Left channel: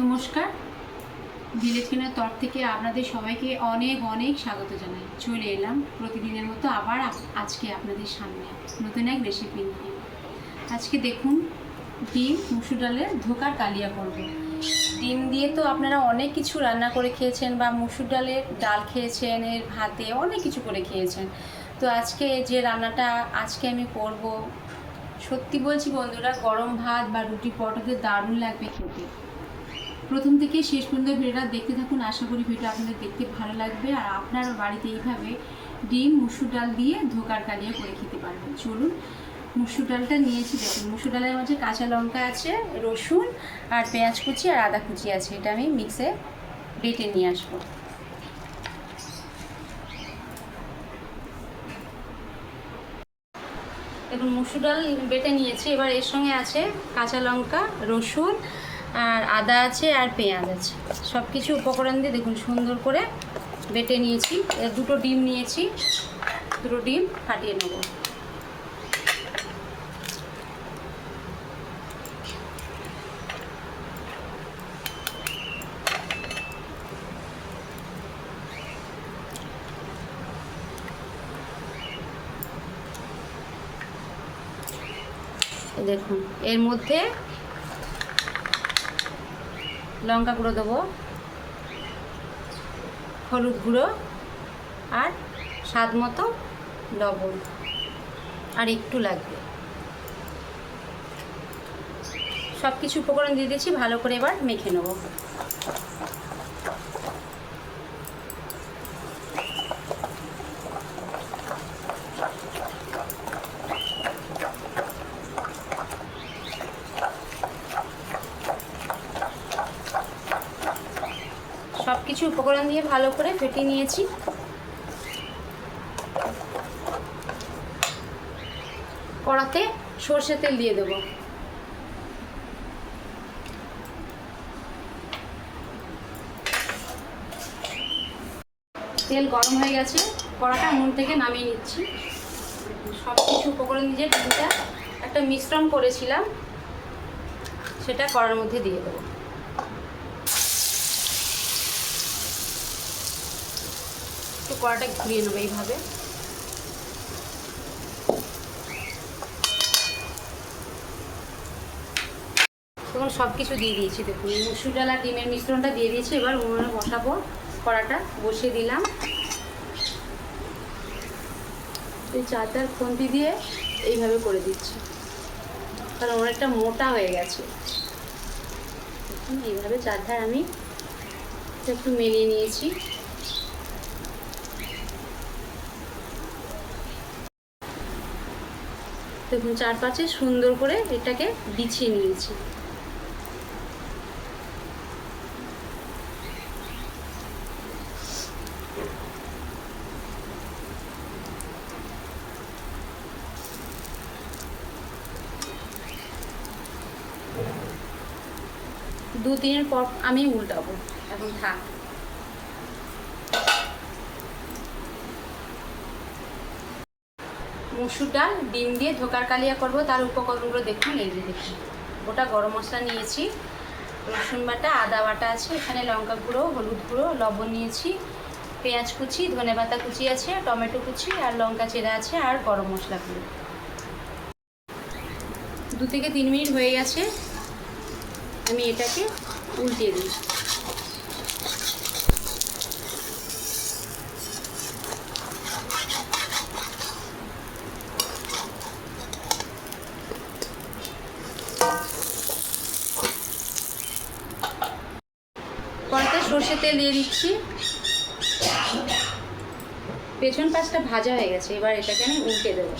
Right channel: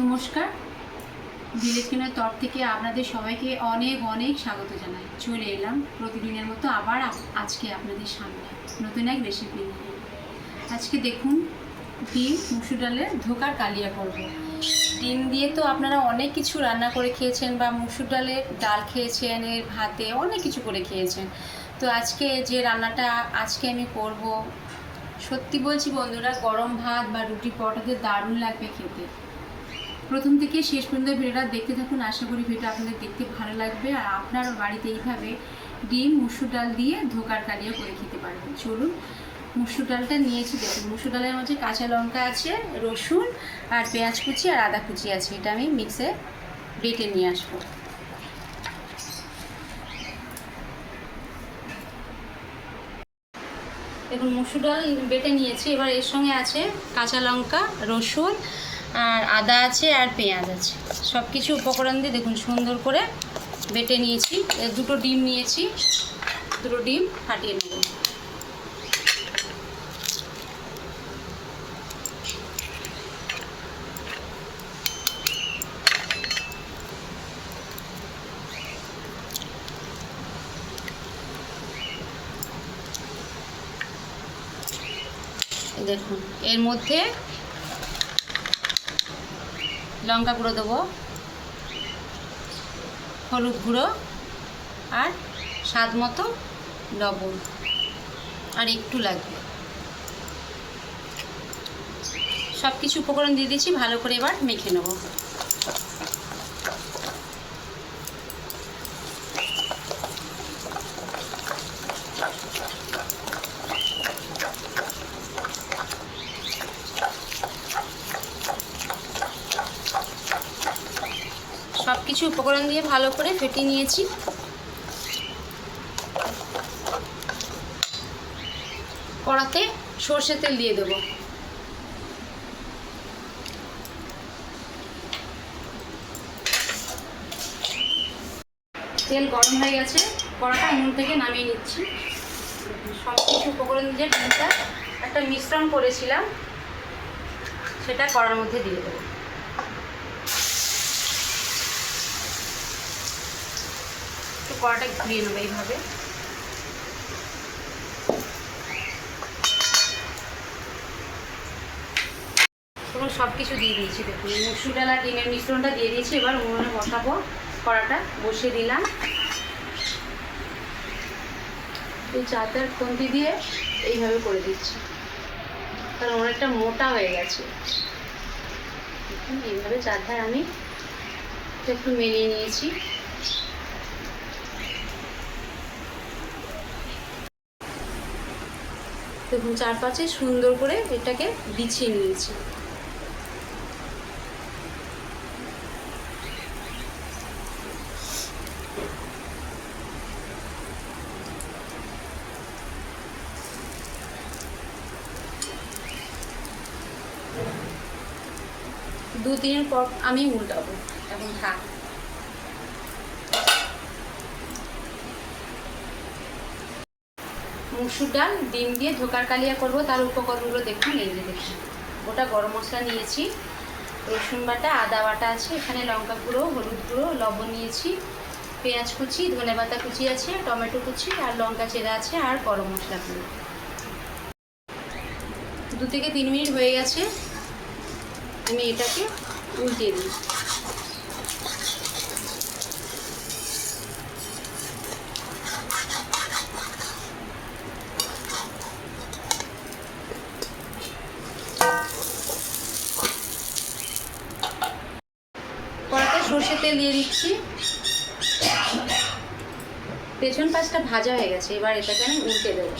নমস্কার। ভিলেজ কেনার তরফ থেকে আপনাদের সবাইকে অনেক অনেক স্বাগত জানাই। চলে এলাম প্রতিদিনের মতো আবার আজকে আপনাদের সামনে নতুন এক রেসিপি নিয়ে। আজকে দেখুন ডিম, মুসুর ডালের ধোকার কালিয়া করব ডিম দিয়ে তো আপনারা অনেক কিছু রান্না করে খেয়েছেন বা মুসুর ডালের ডাল খেয়েছেন, এর ভাতে অনেক কিছু করে খেয়েছেন। তো আজকে যে রান্নাটা আজকে আমি করব, সত্যি বলছি বন্ধুরা, গরম ভাত বা রুটি পরোটাতে দারুণ লাগবে খেতে। প্রথম থেকে শেষ পর্যন্ত ভিডিওটা দেখতে থাকুন। আশা করি ভিডিওটা আপনাদের দেখতে ভালো লাগবে। আর আপনারা বাড়িতে এইভাবে ডিম, মুসুর ডাল দিয়ে ধোকার কালিয়া করে খেতে পারবেন চলুন, মুসুর ডালটা নিয়েছি। দেখুন, মুসুর ডালের মধ্যে কাঁচা লঙ্কা আছে, রসুন আর পেঁয়াজ কুচি আর আদা কুচি আছে। এটা আমি মিক্সে বেটে নিয়ে আসব। দেখুন, মুসুর ডাল বেটে নিয়েছি। এবার এর সঙ্গে আছে কাঁচা লঙ্কা, রসুন আর আদা আছে আর পেঁয়াজ আছে। সব কিছু উপকরণ দিয়ে দেখুন সুন্দর করে বেটে নিয়েছি। দুটো ডিম নিয়েছি। দুটো ডিম ফাটিয়ে নেব। দেখুন, এর মধ্যে লঙ্কা গুঁড়ো দেবো, হলুদ গুঁড়ো আর স্বাদ মতো লবণ, আর একটু লাগবে। সব কিছু উপকরণ দিয়ে দিয়েছি, ভালো করে এবার মেখে নেব সব কিছু উপকরণ দিয়ে ভালো করে ফেটিয়ে নিয়েছি। কড়াতে সর্ষে তেল দিয়ে দেবো। তেল গরম হয়ে গেছে। কড়াটা উনুন থেকে নামিয়ে নিচ্ছি। সব কিছু উপকরণ দিয়ে একটা মিশ্রণ করেছিলাম। সেটা কড়ার মধ্যে দিয়ে দেবো। কড়াটা ঘুরিয়ে নেব এইভাবে। এবং সব কিছু দিয়ে দিয়েছি, দেখুন মসুর ডাল ডিমের মিশ্রণটা দিয়ে দিয়েছি। এবার উনুনে বসাবো কড়াটা বসিয়ে দিলাম। এই চাতে আর খুন্তি দিয়ে এইভাবে করে দিচ্ছি। কারণ অনেকটা মোটা হয়ে গেছে। এইভাবে চারধার আমি একটু মেরিয়ে নিয়েছি। দেখুন চারপাশে সুন্দর করে এটাকে বিছিয়ে নিয়েছি। দু দিনের পর আমি উল্টাবো। এখন থাক মসুর ডাল, ডিম দিয়ে ধোকার কালিয়া করব, তার উপকরণগুলো দেখুন, এই যে দেখুন। গোটা গরম মশলা নিয়েছি, রসুন বাটা, আদা বাটা আছে, এখানে লঙ্কা গুঁড়ো, হলুদ গুঁড়ো, লবণ নিয়েছি, পেঁয়াজ কুচি, ধনে পাতা কুচি আছে, টমেটো কুচি আর লঙ্কা চেরা আছে আর গরম মশলা গুঁড়ো দু থেকে তিন মিনিট হয়ে গেছে, আমি এটাকে উল্টিয়ে দিই কড়াতে সর্ষে তেল দিয়ে দিচ্ছি পেছন পাশটা ভাজা হয়ে গেছে, এবার এটাকে আমি উল্টে দেবো।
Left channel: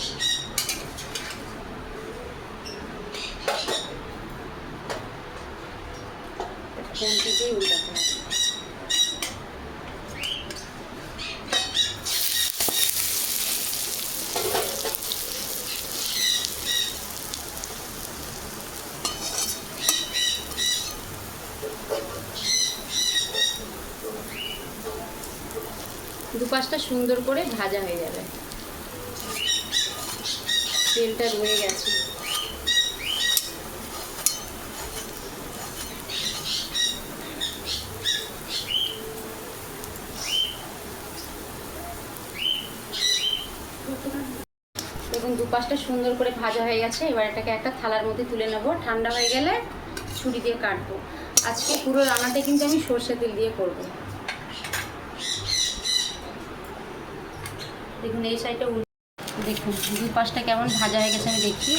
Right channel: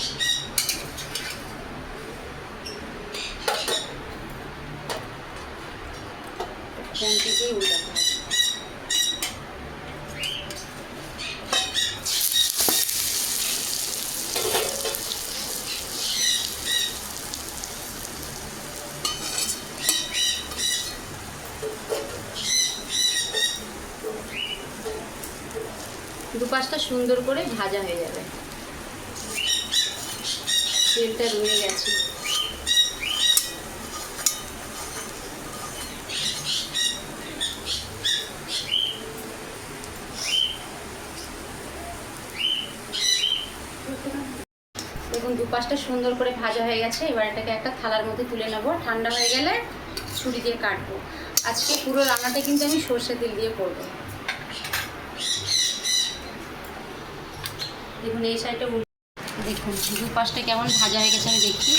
উল্টাতে হবে। সুন্দর করে ভাজা হয়ে যাবে। তেলটা রয়ে গেছে। দেখুন, দুপাশটা সুন্দর করে ভাজা হয়ে গেছে। এবার এটাকে একটা থালার মধ্যে তুলে নেব। ঠান্ডা হয়ে গেলে ছুরি দিয়ে কাটবো। আজকে পুরো রান্নাটা কিন্তু আমি সর্ষে তেল দিয়ে করব। এই সাইডটা দেখুন, দুই পাশটা কেমন ভাজা হয়ে গেছে আমি দেখি।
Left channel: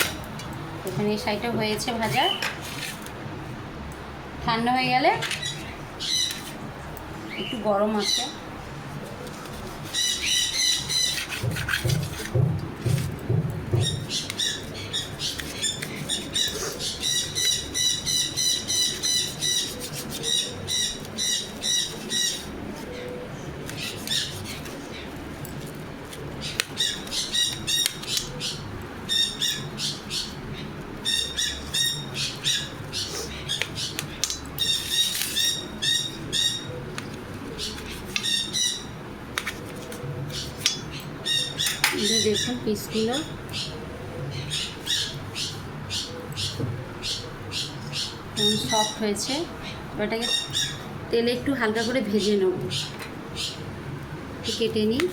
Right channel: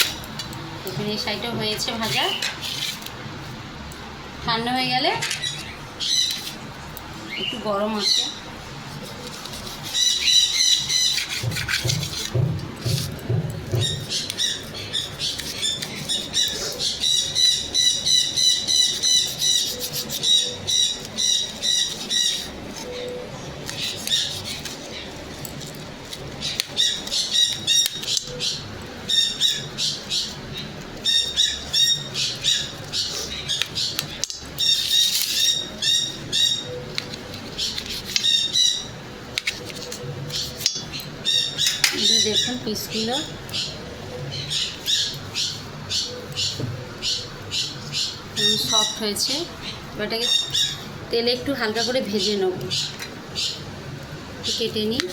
দেখুন এই সাইডটা হয়েছে ভাজা। ঠান্ডা হয়ে গেলে একটু গরম আছে। যে দেখুন পিসগুলো সফট হয়েছে। এটাকে তেলে একটু হালকা করে ভেজে নেব। কেটে নিই।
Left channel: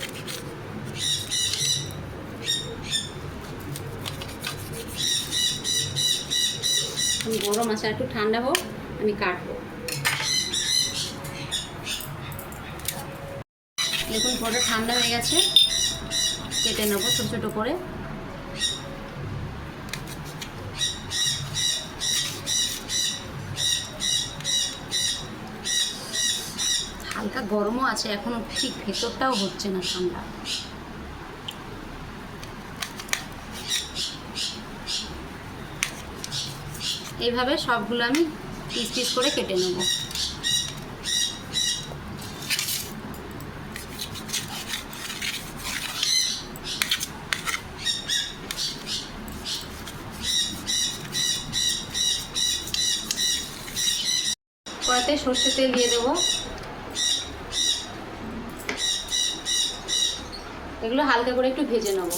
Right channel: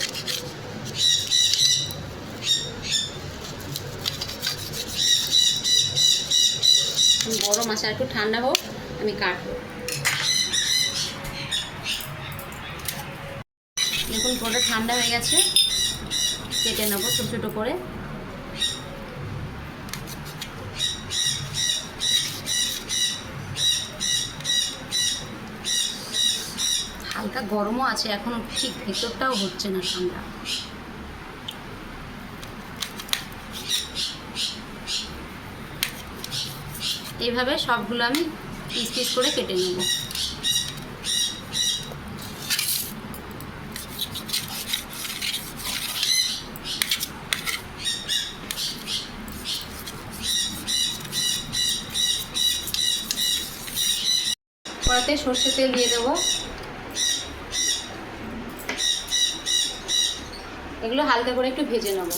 গরম আছে একটু ঠান্ডা হোক, আমি কাটবো। দেখুন পুরোটা ঠান্ডা হয়ে গেছে। কেটে নেব ছোটো ছোটো করে। হালকা গরমও আছে, এখনও ঠিক ভেতরটাও হচ্ছে না ঠান্ডা। এইভাবে সবগুলো আমি পিস পিস করে কেটে নেব। কড়াতে সর্ষের তেল দিয়ে দেবো। এগুলো হালকা করে একটু ভেজে নেব।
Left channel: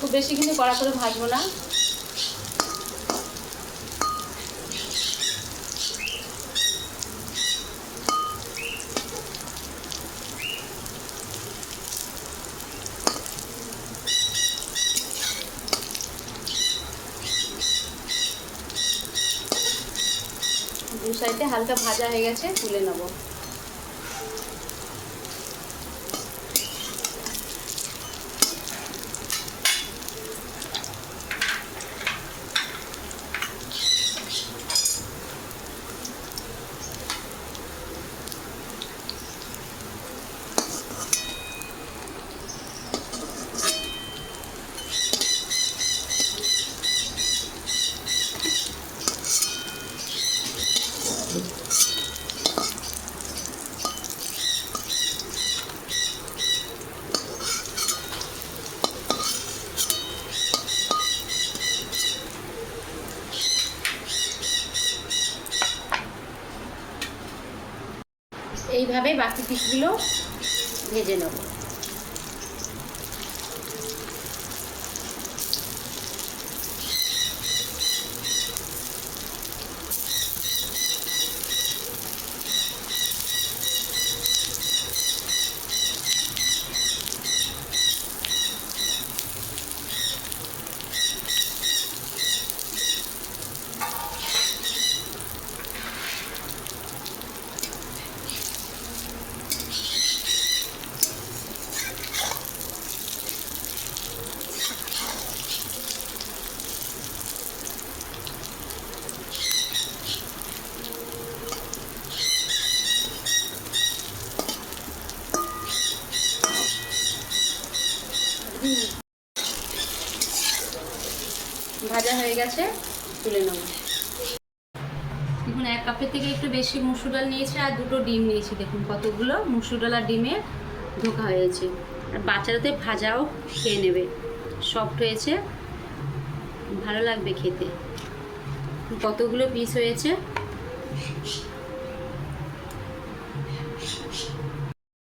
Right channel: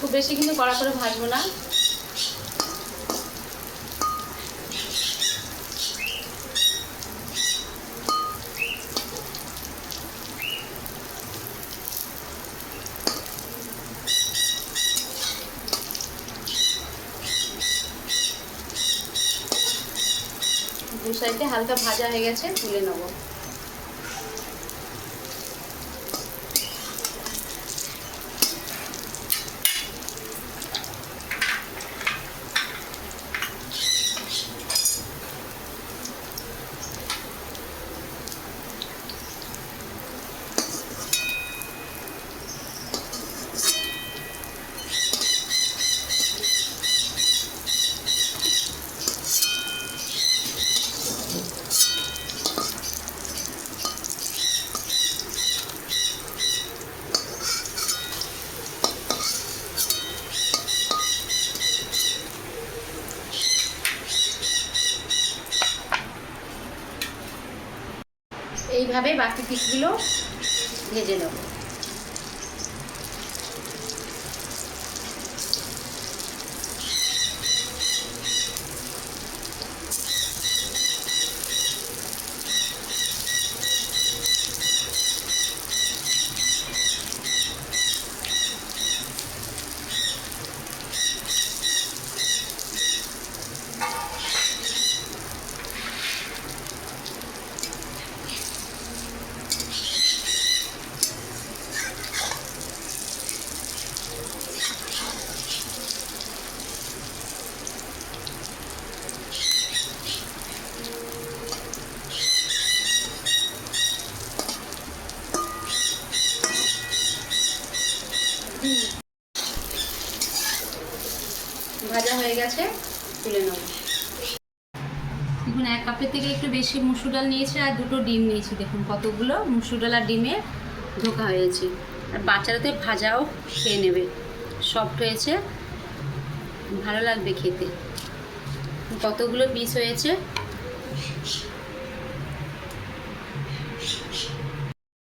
খুব বেশি কিন্তু কড়া করে ভাজবো না। হালকা ভাজা হয়ে গেছে তুলে নেব। এইভাবে বাকি পিসগুলো ভেজে নেব। বেশি মুসুর ডাল নিয়েছি আর দুটো ডিম নিয়েছি। দেখুন কতগুলো মুসুর ডাল আর ডিমে ধোকা হয়েছে। আর বাচ্চারাতে ভাজাও খেয়ে নেবে। সফট হয়েছে। ভালো লাগবে খেতে। কতগুলো পিস হয়েছে?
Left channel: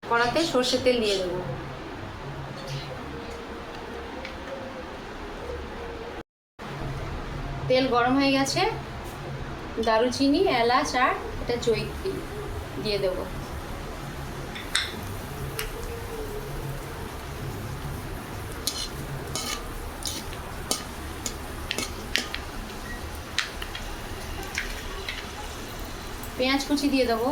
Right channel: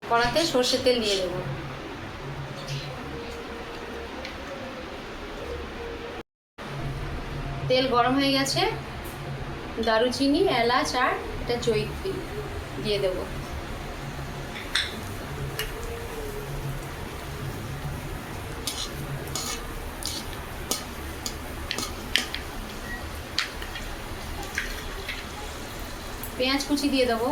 কড়াতে সর্ষের তেল নিয়ে দেবো। তেল গরম হয়ে গেছে। দারুচিনি, এলাচ আর এটা জৈত্রী দিয়ে দেবো। পেঁয়াজ কুচি দিয়ে দেবো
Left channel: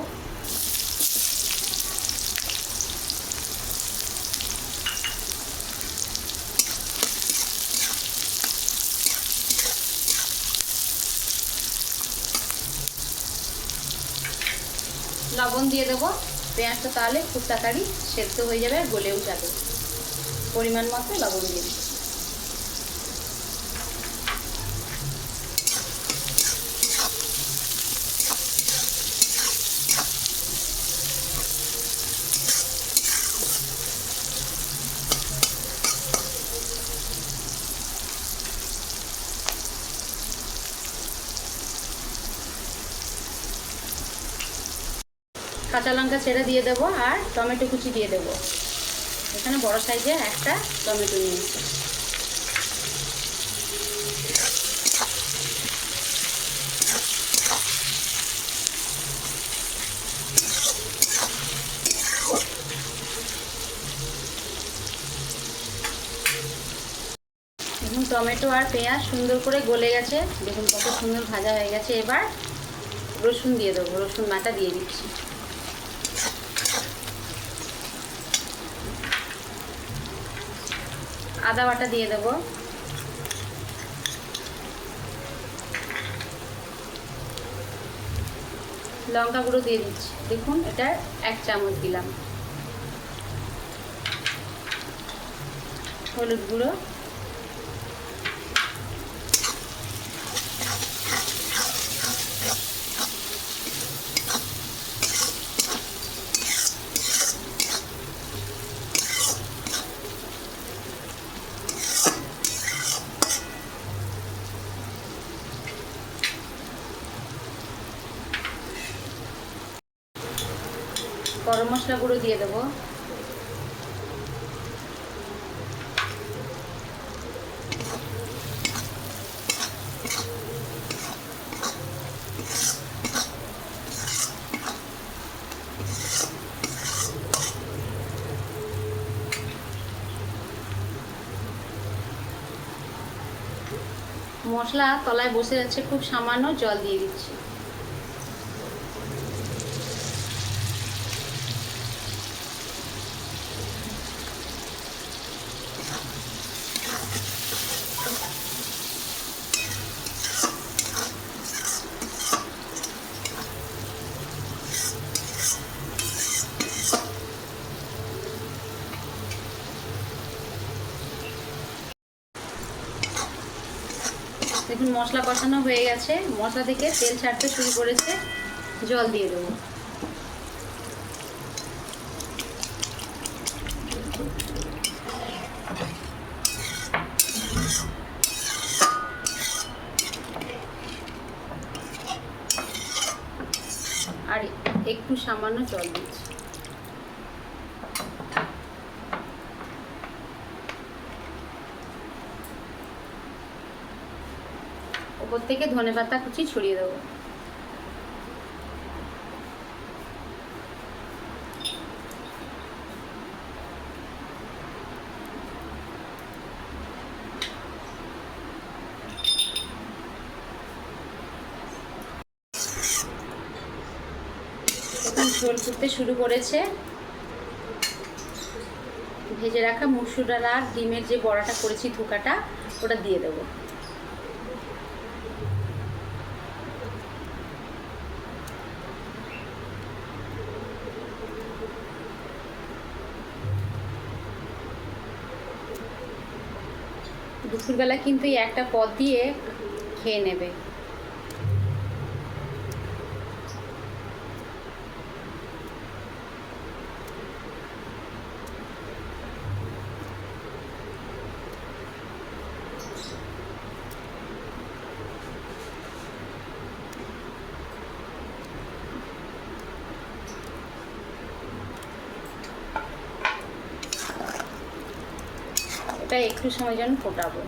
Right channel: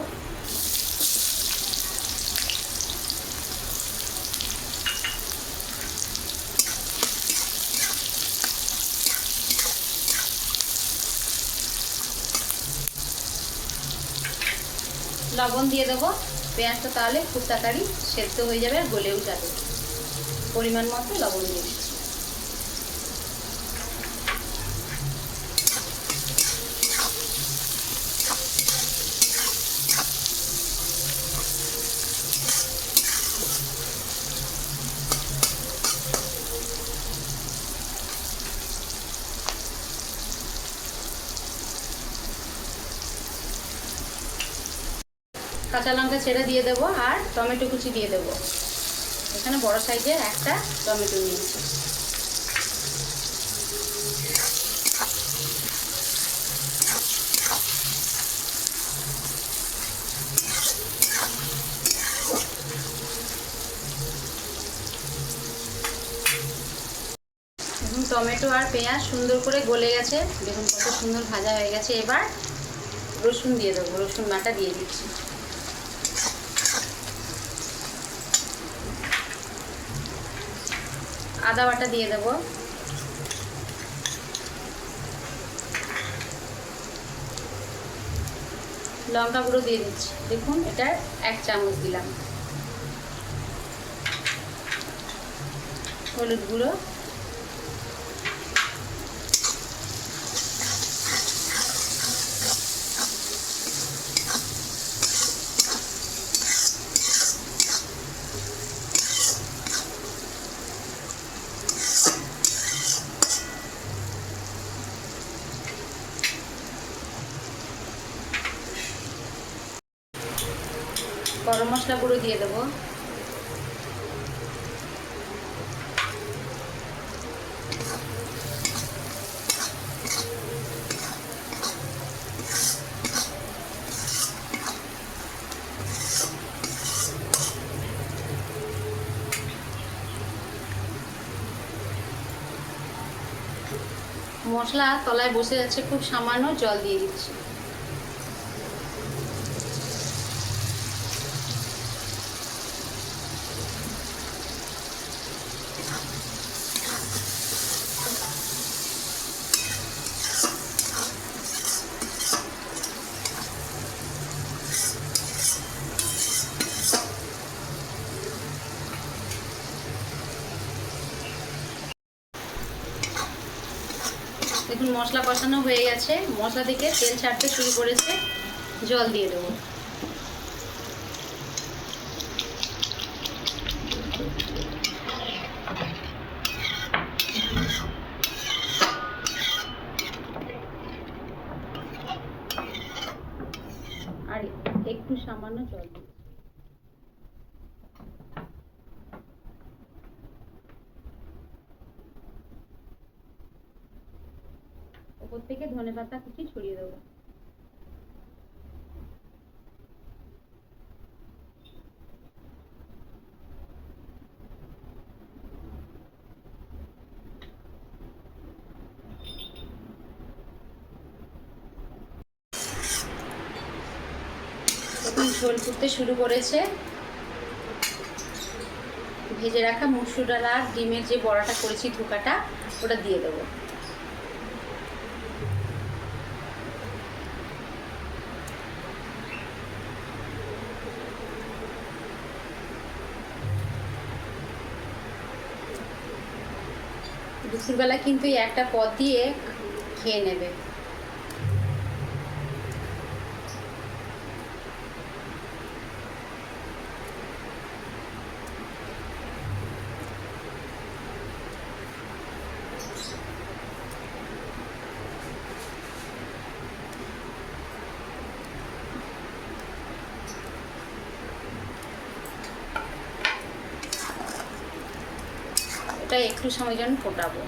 লবণ দিয়ে দেবো। পেঁয়াজটা তাহলে খুব তাড়াতাড়ি সেদ্ধ হয়ে যাবে আর গলেও যাবে পরিমাণ মতো লবণ দিয়ে দিচ্ছি। কাঁচা লঙ্কা ছেড়ে দিয়ে দেবো আর টমেটো কুচি দিয়ে দেবো। এখানে বড় সাইজের একটা টমেটো নিয়েছি। টমেটো আর পেঁয়াজ সুন্দর করে গলে গেছে। দেখুন কত সুন্দর ভাজা হয়ে গেছে। এবার রসুন দিয়ে দেবো, রসুন বাটা দিয়ে দিচ্ছি। আদা বাটা দিয়ে দেবো। লঙ্কা গুঁড়ো দিয়ে দিচ্ছি। দেখুন, এটা এক চামচ দিলাম। হলুদ গুঁড়ো গরম মশলা গুঁড়ো দিয়ে দেবো মশলা তলায় বসে যাচ্ছে খুব সামান্য জল দিয়ে দিচ্ছি। দেখুন মশলা কষানো হয়ে গেছে। মশলা থেকে তেল ছাড়তে শুরু করেছে। জল দিয়ে দেবো। আর একটু সামান্য জল দিচ্ছি। ওপর থেকে ধনে পাতা কুচি ছড়িয়ে দেবো। ঝোল ফুটতে শুরু করেছে। ভেজে রাখা মুসুর ডাল আর ডিমের যে বড়াটা করেছি ধোকাটা, ওটা দিয়ে দেবো। দুপুরবেলা কিন্তু এই একটা পদ দিয়ে খেয়ে নেবে। এটা একটু সময় জন্য ফোটাবো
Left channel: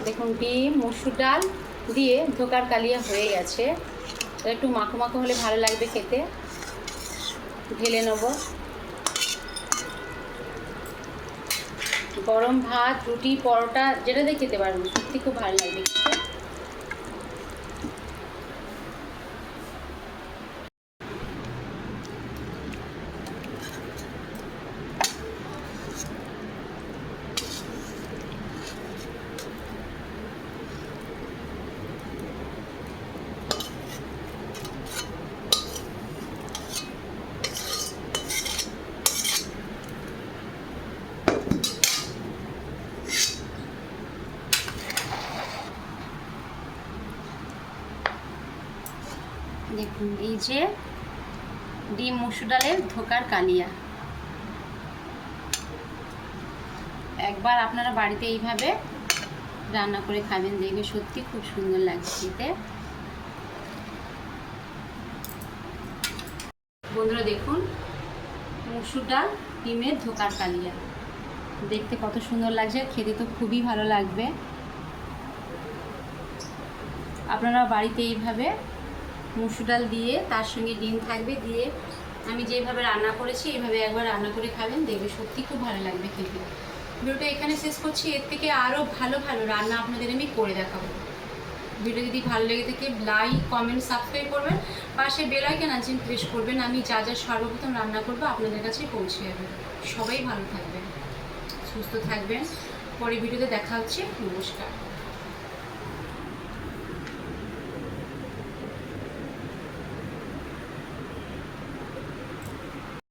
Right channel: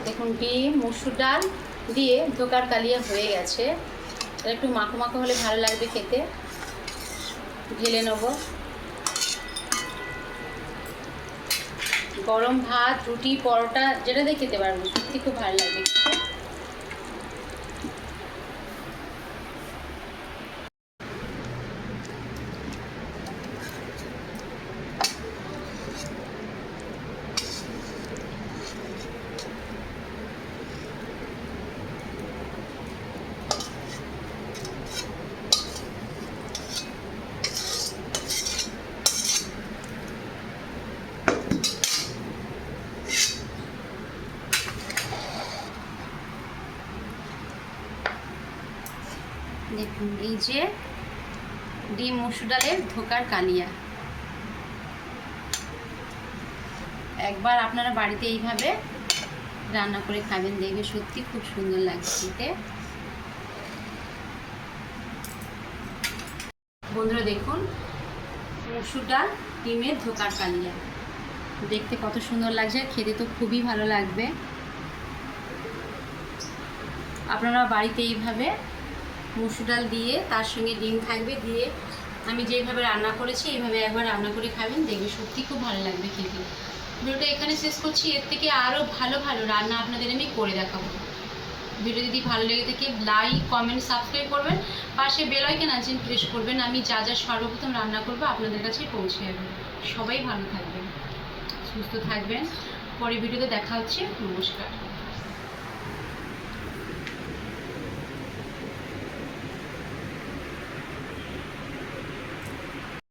দেখুন ডিম মসুর ডাল দিয়ে ধোকার কালিয়া হয়ে গেছে। একটু মাখো মাখো হলে ভালো লাগবে খেতে। ঢেলে নেব। গরম ভাত, রুটি, পরোটা, যেটা দিয়ে খেতে পারবেন, সত্যি খুব ভালো লাগবে খেতে। দেখুন, এই যে ডিম মসুর ডালের ধোকার কালিয়া। একবার আপনারা বাড়িতে এইভাবে রান্না করে খাবেন, দেখবে সত্যি খুব সুন্দর লাগছে খেতে। বন্ধুরা, দেখুন, মসুর ডাল, ডিমের ধোকার কালিয়া। দেখতে কত সুন্দর লাগছে, খেতে তো খুবই ভালো লাগবে। আপনারা বাড়িতে এইভাবে মুসুর ডাল দিয়ে, তার সঙ্গে ডিম থাকবে দিয়ে আমি যেভাবে রান্না করেছি, এইভাবে একবার রান্না করে খাবেন, দেখবে সত্যি খুব ভালো লাগবে খেতে। ভিডিওটা এখানে শেষ করছি। এর থেকে আরও ভালো ভালো রান্না আপনাদের আমি করে দেখাবো। ভিডিও যদি ভালো লেগে থাকে লাইক কমেন্ট সাবস্ক্রাইব করবেন। পাশে বেল আইকন আছেন প্রেস করবেন। আমি যা যা সর্বপ্রথম রান্না করব আপনাদের কাছে পৌঁছে যাবে সবাই ভালো থাকবেন, সুস্থ থাকবেন। পরে ভিডিওতে দেখা হচ্ছে। নমস্কার।